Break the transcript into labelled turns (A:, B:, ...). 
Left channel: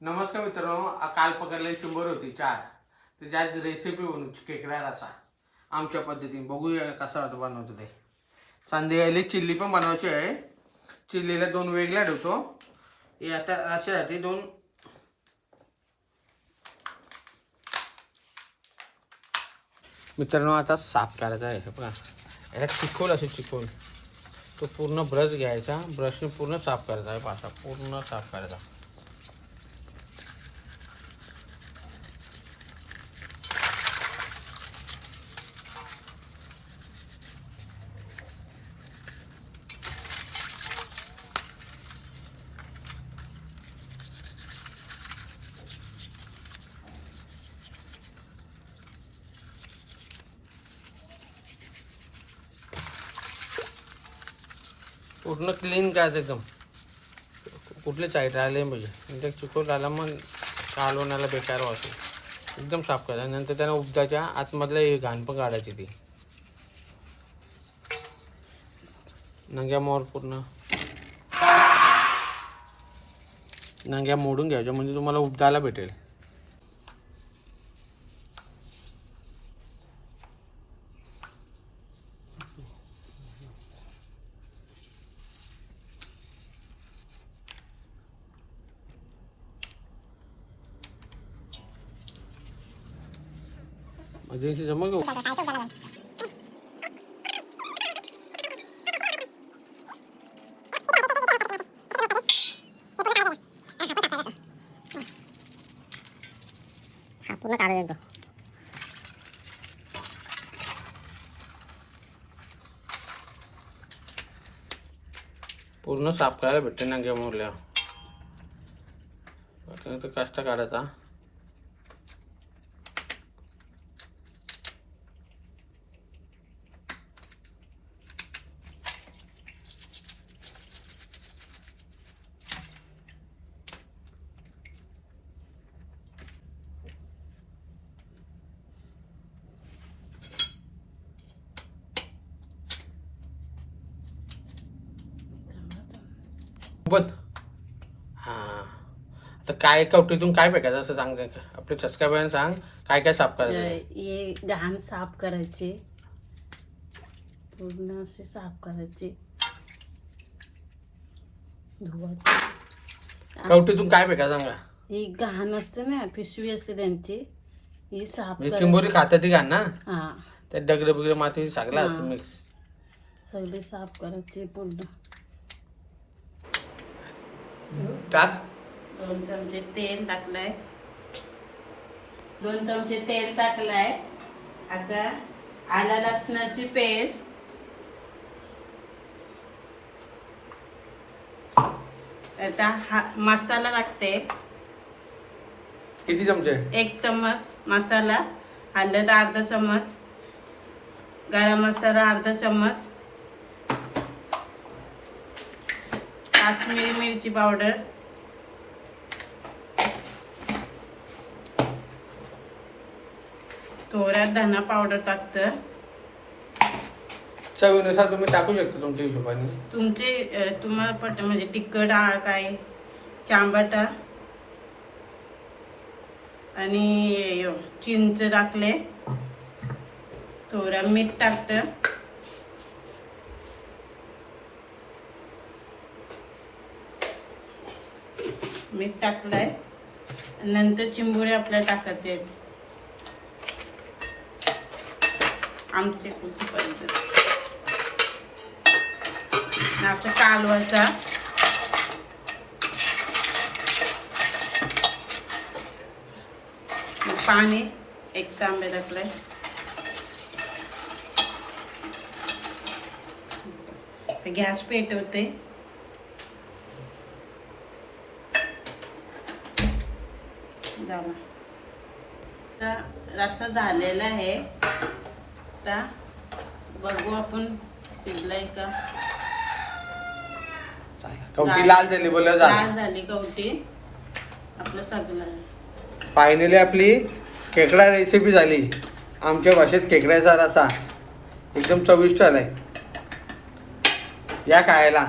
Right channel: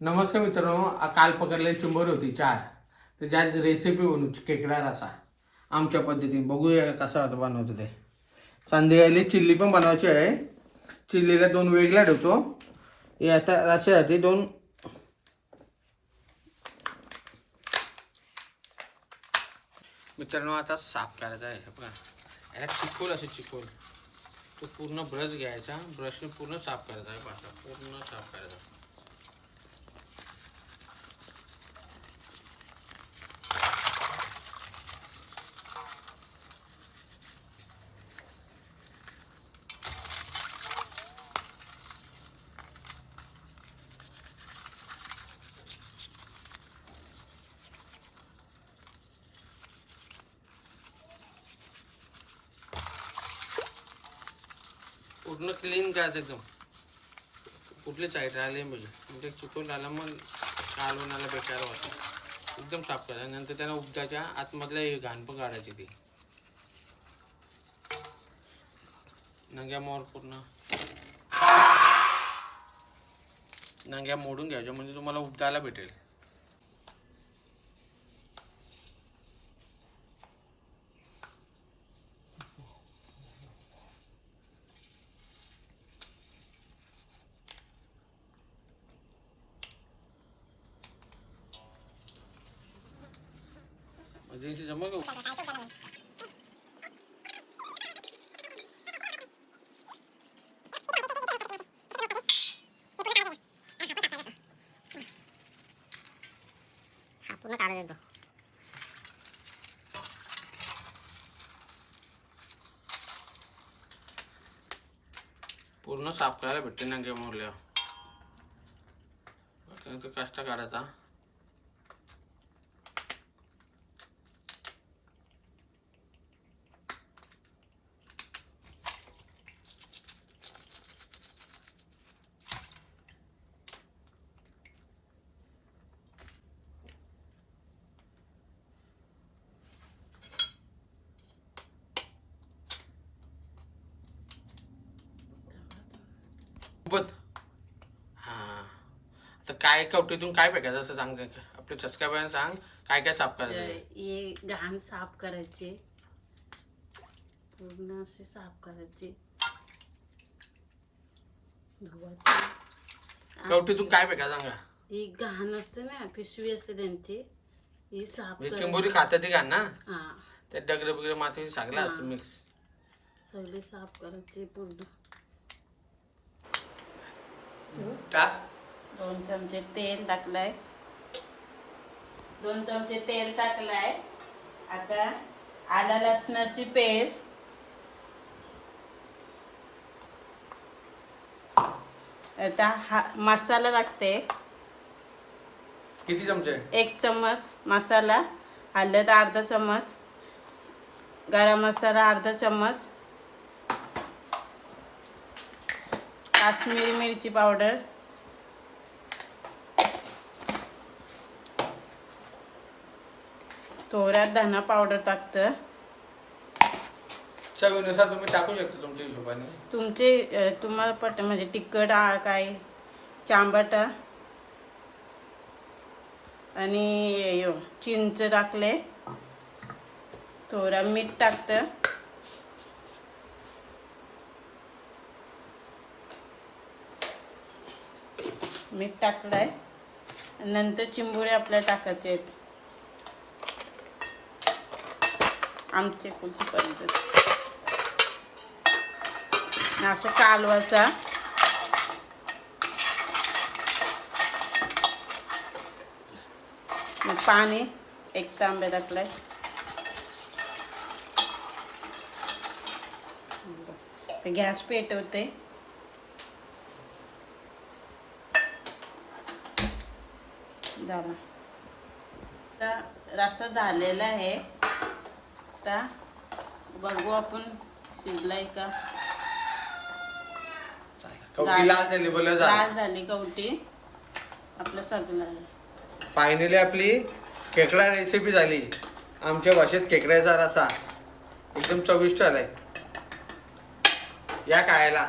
A: नमस्कार मित्रांनो काल पकडलेली चिंबर होती चार. तर ज्याच रेसिपी बनू खेकडा रसा आमच्या पद्धतीने बघूया कसा होता बनवतो ते संध्याकाळी चिल्ली पण बनवायची आहे. चिल्लीला दोन वेगळ्या ठेवतो हे आता रशासाठी दोन. मित्रांनो आता साफ करायचा आहे बघा. याला चिखोल असे चिखोल. तो पूर्ण ब्रश घ्यायचा ब्रशने पूर्ण साफ करायचा आहे पासा. पूर्ण साफ करायचा. पूर्ण क्लीन करायचं एकदम. कुठले साईड राहिले म्हणजे. म्हणजे चिकोल राहिला मग कालवणाला बेकार वाटते. एकदम साफ करायचं नंतर त्यानं उबदाच्या आतमधलं एक घाण पण काढायची ती. नंग्या मोर पूर्ण. नंग्या मोडून घ्यायच्या. म्हणजे तुम्हाला उबदाला भेटेल. म्हणजे जमल का?
B: हा पूर्ण काढून येतो
A: पूर्ण साफ करायला भेटते नंग्या मोरल्या त्यानंतर कष्ट काढायचा. पण हां. आता काय कवटीतून काय फेकायचं असं सांग आपल्या सबस्क्रायबरांना सांग काय काय साफ करायचं
C: हे घाण साफ करायचे. पूर्ण असे साफ करायचे. धुवायचे.
A: कवटीतून काय फेकायचं सांगा.
C: ही घाण असते ना पिशवी असते त्यांची. ही साफ
A: म्हणजे चिंबोरी खातात ती घाण ना?
C: हा.
A: त्यात दगड बिगड माती सगळं असं. मिक्स
C: सगळे साफ करायचे पूर्ण.
A: टाक
C: दोन चमचे तेल टाकलाय. दोन चमचे तेल टाकलाय. आता आला लसणाची पेस्ट. आता हा मसाला टाकते.
A: किती चमचे?
C: एक चम्मच मसाला हळद अर्धा चम्मच गरम मसाला अर्धा चम्मच काश्मीरी मिरची पावडर थोड्यात धना पावडर टाकतं
A: चवीनुसार तुम्ही टाकू शकता तुमच्या हिशोबाने.
C: तुमचे तुम्हाला पट म्हणजे तिखट आ, काय चांबटा आणि चिंच टाकले. थोडा मीठ टाकतं. मीठ टाकलंय. नंतर चिंबोळे आपल्याला टाकायचे आहेत. आमचे कुची पद्धत असं कालवायचा मग पाणी एक तांब्या टाकलाय गॅस पेटवते. झालं आता रस्सा झालेला आहे. आता बघू आपण शिजलाय का?
A: कवटी लाल झाली बोल झालं
C: लाल झाली. कवटी. आपलं सगळं.
A: फायनली आपली खेकडा रेसिपी झाली. आमच्या भाषेत खेकड्याचा रसा. एकदम चविष्ट आलाय. या खायला.